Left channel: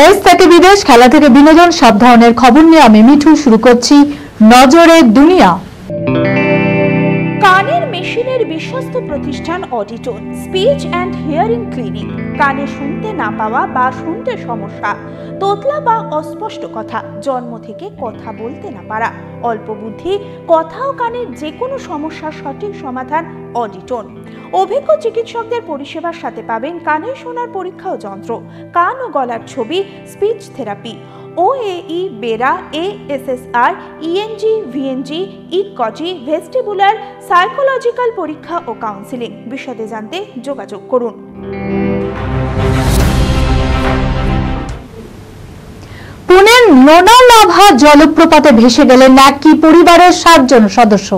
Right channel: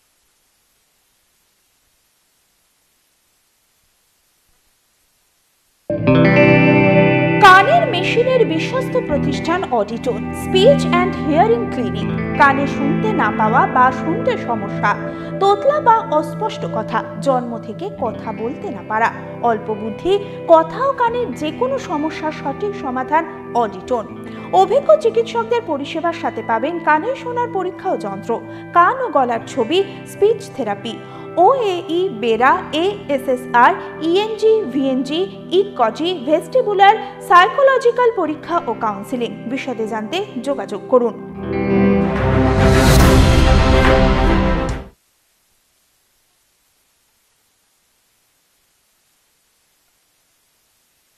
দেশ থেকে বিদেশ, খেলা থেকে বিনোদন, সব ধরনের খবর নিয়ে আমি মিঠু শুরু করছি নজরের দুনিয়া। কানের মেশিনের বিশ্বস্ত প্রতিষ্ঠান অডিটন, স্পিচ অ্যান্ড হিয়ারিং ক্লিনিক। কানে শুনতে না পাওয়া বা শুনতে সমস্যা, তোতলা বা অস্পষ্ট কথা, জন্ম থেকে কথা বলতে না পারা, অল্প বুদ্ধি, কথা ও কানের যে কোনো সমস্যার সঠিক সমাধান অডিটন। অভিজ্ঞ চিকিৎসকদের পরিষেবার সাথে পাবেন কানে শোনার পরীক্ষা ও যন্ত্র, কান ও গলার ছবি, speech therapy, OAE, BERA, ASSR, ENG, VNG, ইকজি, ভেস্টিবুলার, সাইকোলজিক্যাল পরীক্ষা ও কাউন্সিলিং। বিশদে জানতে যোগাযোগ করুন। পুনের লোনালাভা জলপ্রপাতে ভেসে গেলেন একই পরিবারের 7 জন সদস্য।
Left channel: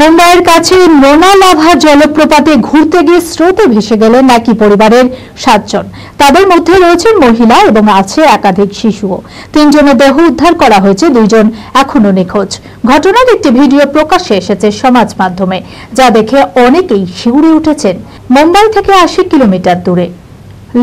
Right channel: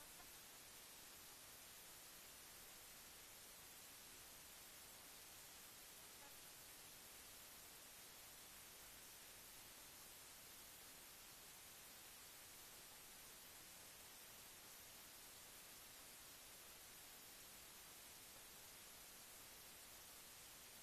মুম্বাইয়ের কাছে লোনালাভা জলপ্রপাতে ঘুরতে গিয়ে স্রোতে ভেসে গেলেন একই পরিবারের 7 জন। তাদের মধ্যে রয়েছেন মহিলা এবং আছে একাধিক শিশুও। 3 জনের দেহ উদ্ধার করা হয়েছে, 2 জন এখনো নিখোঁজ। ঘটনার একটি ভিডিও প্রকাশ্যে এসেছে সমাজ মাধ্যমে, যা দেখে অনেকেই শিউরে উঠেছেন। মুম্বাই থেকে 80 কিলোমিটার দূরে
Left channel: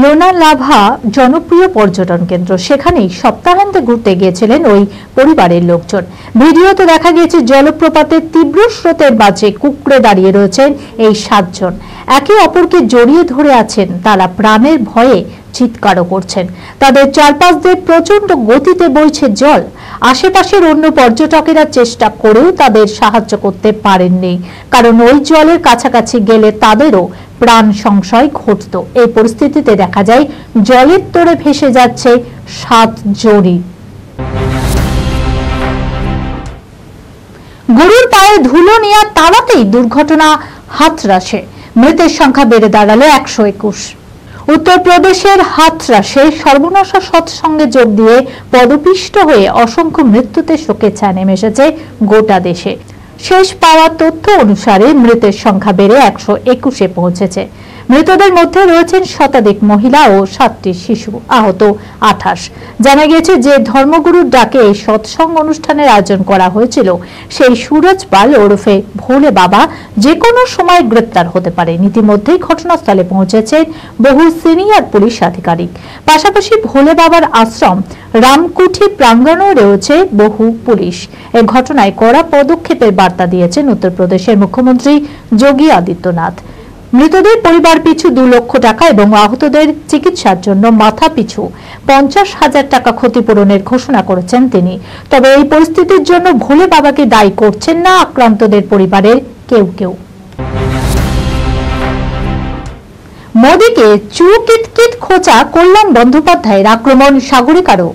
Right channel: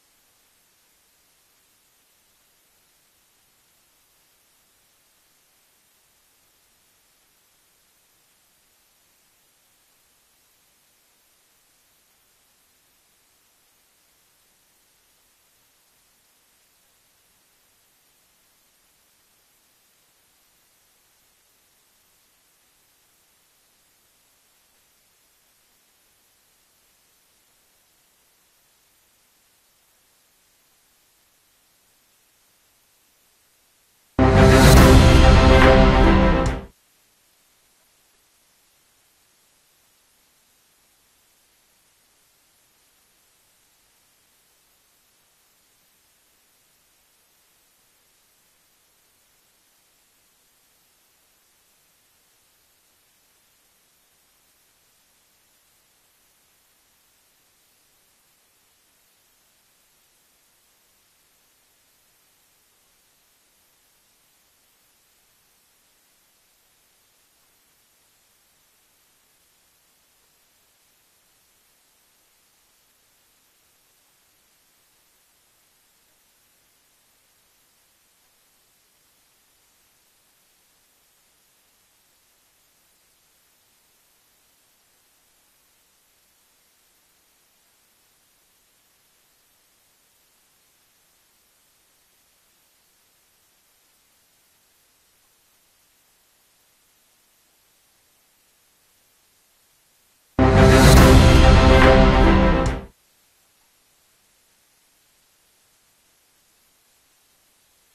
লোনালাভা জনপ্রিয় পর্যটন কেন্দ্র, সেখানেই সপ্তাহান্তে ঘুরতে গিয়েছিলেন ওই পরিবারের লোকজন। ভিডিওতে দেখা গিয়েছে জলপ্রপাতের তীব্র স্রোতের মাঝে কুঁকড়ে দাঁড়িয়ে রয়েছেন এই 7 জন। একে অপরকে জড়িয়ে ধরে আছেন, তারা প্রাণের ভয়ে চিৎকারও করছেন। তাদের চারপাশ দিয়ে প্রচন্ড গতিতে বইছে জল। আশেপাশের অন্য পর্যটকেরা চেষ্টা করেও তাদের সাহায্য করতে পারেননি, কারণ ওই জলের কাছাকাছি গেলে তাদেরও প্রাণ সংশয় ঘটত। এই পরিস্থিতিতে দেখা যায় জলের তোড়ে ভেসে যাচ্ছে 7 জনই। গরুর পায়ে ধুলো নিয়ে তাড়াতেই দুর্ঘটনা হাথরাসে, মৃতের সংখ্যা বেড়ে দাঁড়ালো 121। উত্তরপ্রদেশের হাথরাসে সর্বনাশা সৎসঙ্গে যোগ দিয়ে পদপিষ্ট হয়ে অসংখ্য মৃত্যুতে শোকের ছায়া নেমে এসেছে গোটা দেশে। শেষ পাওয়া তথ্য অনুসারে মৃতের সংখ্যা বেড়ে 121-এ পৌঁছেছে। মৃতদের মধ্যে রয়েছেন শতাধিক মহিলা ও 7টি শিশু, আহত 28। জানা গিয়েছে যে ধর্মগুরুর ডাকে এই সৎসঙ্গ অনুষ্ঠানের আয়োজন করা হয়েছিল, সেই সুরজ পাল ওরফে ভোলে বাবা যে কোনো সময় গ্রেপ্তার হতে পারে। ইতিমধ্যেই ঘটনাস্থলে পৌঁছেছেন বহু সিনিয়র পুলিশ আধিকারিক। পাশাপাশি ভোলে বাবার আশ্রম রামকুঠি প্রাঙ্গণেও রয়েছে বহু পুলিশ। এই ঘটনায় কড়া পদক্ষেপের বার্তা দিয়েছেন উত্তরপ্রদেশের মুখ্যমন্ত্রী যোগী আদিত্যনাথ। মৃতদের পরিবার পিছু 2 লক্ষ টাকা এবং আহতদের চিকিৎসার জন্য মাথা পিছু 50,000 টাকা ক্ষতিপূরণের ঘোষণা করেছেন তিনি। তবে এই পরিস্থিতির জন্য ভোলে বাবাকে দায়ী করছেন না আক্রান্তদের পরিবারের কেউ কেউ। মোদীকে চুকিতকিত খোঁচা কল্যাণ বন্দ্যোপাধ্যায়ের আক্রমণ সাগরিকারও।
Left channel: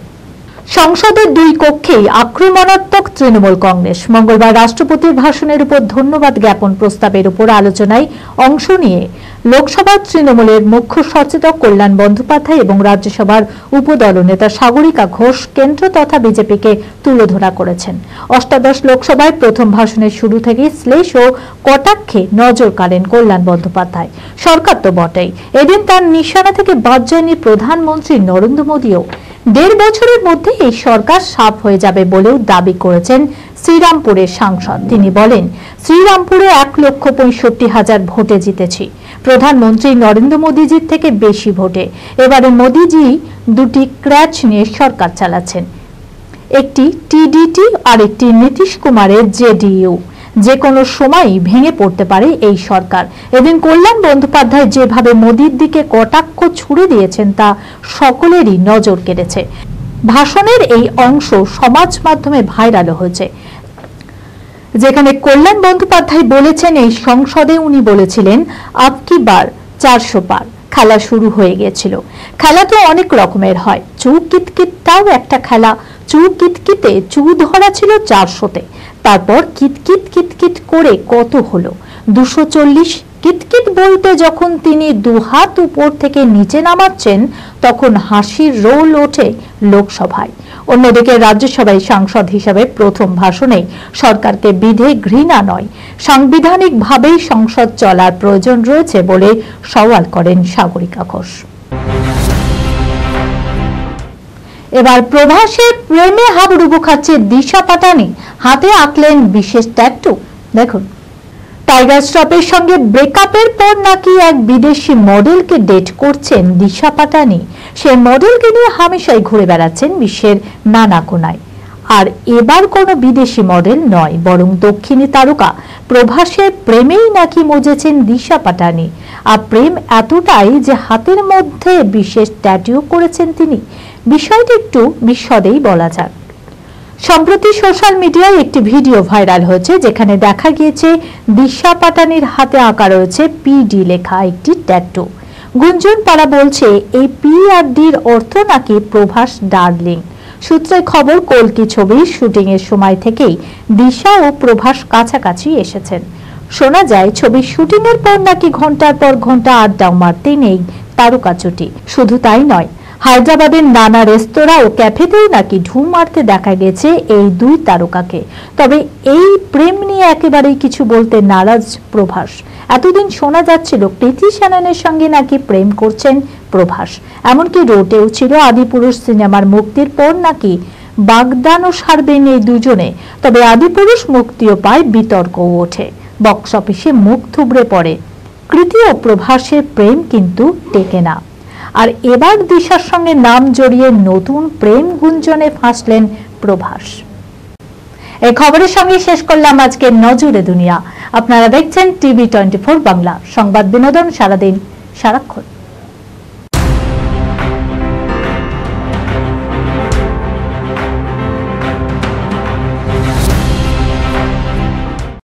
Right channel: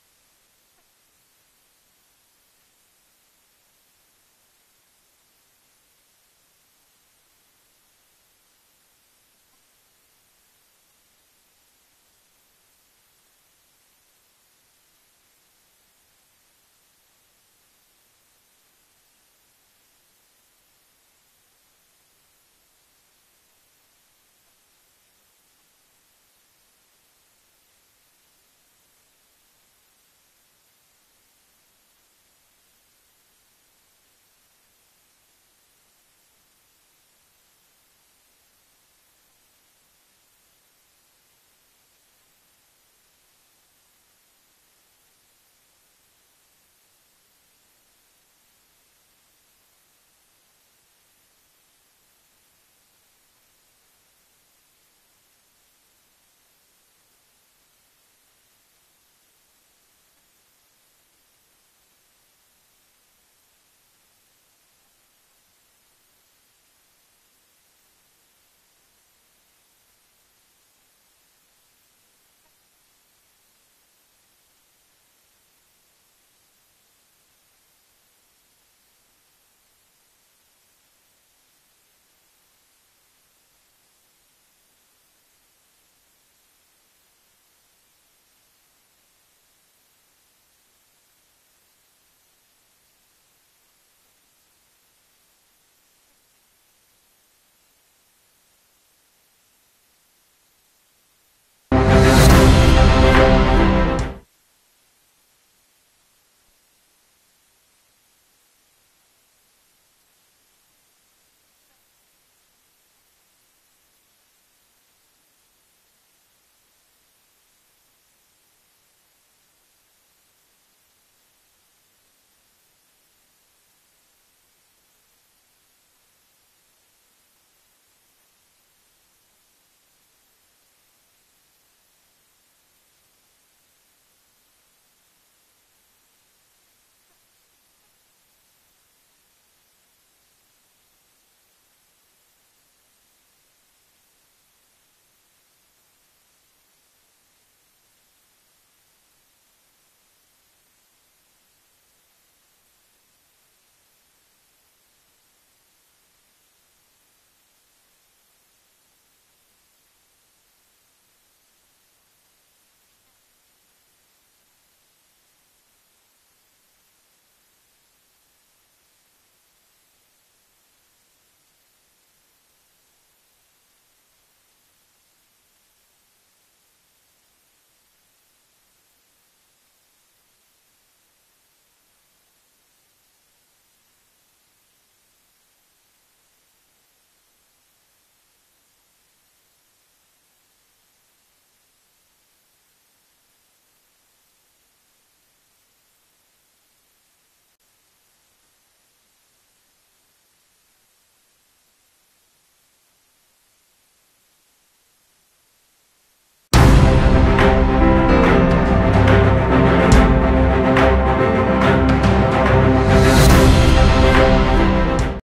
সংসদের 2 কক্ষেই আক্রমণাত্মক তৃণমূল কংগ্রেস। মঙ্গলবার রাষ্ট্রপতির ভাষণের উপর ধন্যবাদ জ্ঞাপন প্রস্তাবের উপর আলোচনায় অংশ নিয়ে লোকসভার তৃণমূলের মুখ্য সচেতক কল্যাণ বন্দ্যোপাধ্যায় এবং রাজ্যসভার উপদল নেতা সাগরিকা ঘোষ কেন্দ্র তথা বিজেপিকে তুলোধরা করেছেন। অষ্টাদশ লোকসভায় প্রথম ভাষণের শুরু থেকে শ্লেষ ও কটাক্ষে নজর কাড়েন কল্যাণ বন্দ্যোপাধ্যায়। সরকার তো বটেই, এদিন তার নিশানা থেকে বাদ যায়নি প্রধানমন্ত্রী নরেন্দ্র মোদীও। 1.5 বছরের মধ্যে এই সরকার সাফ হয়ে যাবে বলেও দাবি করেছেন শ্রীরামপুরের সাংসদ। তিনি বলেন, শ্রীরামপুরে 1,65,000 ভোটে জিতেছি, প্রধানমন্ত্রী নরেন্দ্র মোদীজির থেকে বেশি ভোটে। এবারে মোদীজি 2টি ক্র্যাচ নিয়ে সরকার চালাচ্ছেন, একটি টিডিটি আর একটি নীতিশ কুমারের জেডিইউ। যে কোনো সময়ই ভেঙে পড়তে পারে এই সরকার। এদিন কল্যাণ বন্দ্যোপাধ্যায় যেভাবে মোদীর দিকে কটাক্ষ ছুড়ে দিয়েছেন তা সকলেরই নজর কেড়েছে। ভাষণের এই অংশ সমাজ মাধ্যমে ভাইরাল হয়েছে, যেখানে কল্যাণ বন্দ্যোপাধ্যায় বলেছেন এই সংসদে উনি বলেছিলেন আপকি বার 400 পার। খেলা শুরু হয়ে গিয়েছিল। খেলা তো অনেক রকমের হয়, চু কিতকিতটাও একটা খেলা। চু কিতকিতে চু ধরা ছিল 400-তে, তারপর কিতকিত কিতকিত করে কত হলো 240। কিতকিত বলতে যখন তিনি 2 হাত উপর থেকে নিচে নামাচ্ছেন তখন হাসির রোল ওঠে লোকসভায়। অন্যদিকে রাজ্যসভায় সাংসদ হিসেবে প্রথম ভাষণে সরকারকে বিধে ঘৃণা নয়, সাংবিধানিকভাবেই সংসদ চলার প্রয়োজন রয়েছে বলে সওয়াল করেন সাগরিকা ঘোষ। এবার প্রভাসের প্রেমে হাবুডুবু খাচ্ছে দিশা পাটানি, হাতে আঁকলেন বিশেষ ট্যাটু। দেখুন, টাইগার শ্রফের সঙ্গে ব্রেকআপের পর নাকি এক বিদেশি মডেলকে ডেট করছেন দিশা পাটানি। সেই মডেলকে নিয়ে হামেশাই ঘুরে বেড়াচ্ছেন বিশ্বের নানা কোনায়। আর এবার কোনো বিদেশি মডেল নয়, বরং দক্ষিণী তারকা প্রভাসের প্রেমেই নাকি মজেছেন দিশা পাটানি। আর প্রেম এতটাই যে হাতের মধ্যে বিশেষ ট্যাটু করেছেন তিনি। বিষয়টি একটু বিশদেই বলা যাক। সম্প্রতি সোশ্যাল মিডিয়ায় একটি ভিডিও ভাইরাল হয়েছে, যেখানে দেখা গিয়েছে দিশা পাটানির হাতে আঁকা রয়েছে পিডি লেখা একটি ট্যাটু। গুঞ্জন পাড়া বলছে এই পি আর ডির অর্থ নাকি প্রভাস ডার্লিং। সূত্রে খবর, কল্কি ছবির শুটিং এর সময় থেকেই দিশা ও প্রভাস কাছাকাছি এসেছেন। শোনা যায় ছবির শুটিং এর পর নাকি ঘন্টার পর ঘন্টা আড্ডা মারতে নেই তারকা জুটি। শুধু তাই নয়, হায়দ্রাবাদের নানা রেস্তোরাঁ ও ক্যাফেতেও নাকি ঢুঁ মারতে দেখা গেছে এই দুই তারকাকে। তবে এই প্রেম নিয়ে একেবারেই কিছু বলতে নারাজ প্রভাস। এতদিন শোনা যাচ্ছিল কৃতি শ্যাননের সঙ্গে নাকি প্রেম করছেন প্রভাস, এমনকি রোটেও ছিল আদিপুরুষ সিনেমার মুক্তির পর নাকি বাগদানও সারবেন এই দুজনে। তবে আদিপুরুষ মুক্তিও পায়, বিতর্কও ওঠে, বক্স অফিসে মুখ থুবড়ে পড়ে। কৃতি ও প্রভাসের প্রেম কিন্তু টেকে না। আর এবার দিশার সঙ্গে নাম জড়িয়ে নতুন প্রেম গুঞ্জনে ফাঁসলেন প্রভাস। এই খবরের সঙ্গে শেষ করলাম আজকে নজরে দুনিয়া। আপনারা দেখছেন টিভি 24 বাংলা, সংবাদ বিনোদন সারাদিন সারাক্ষণ।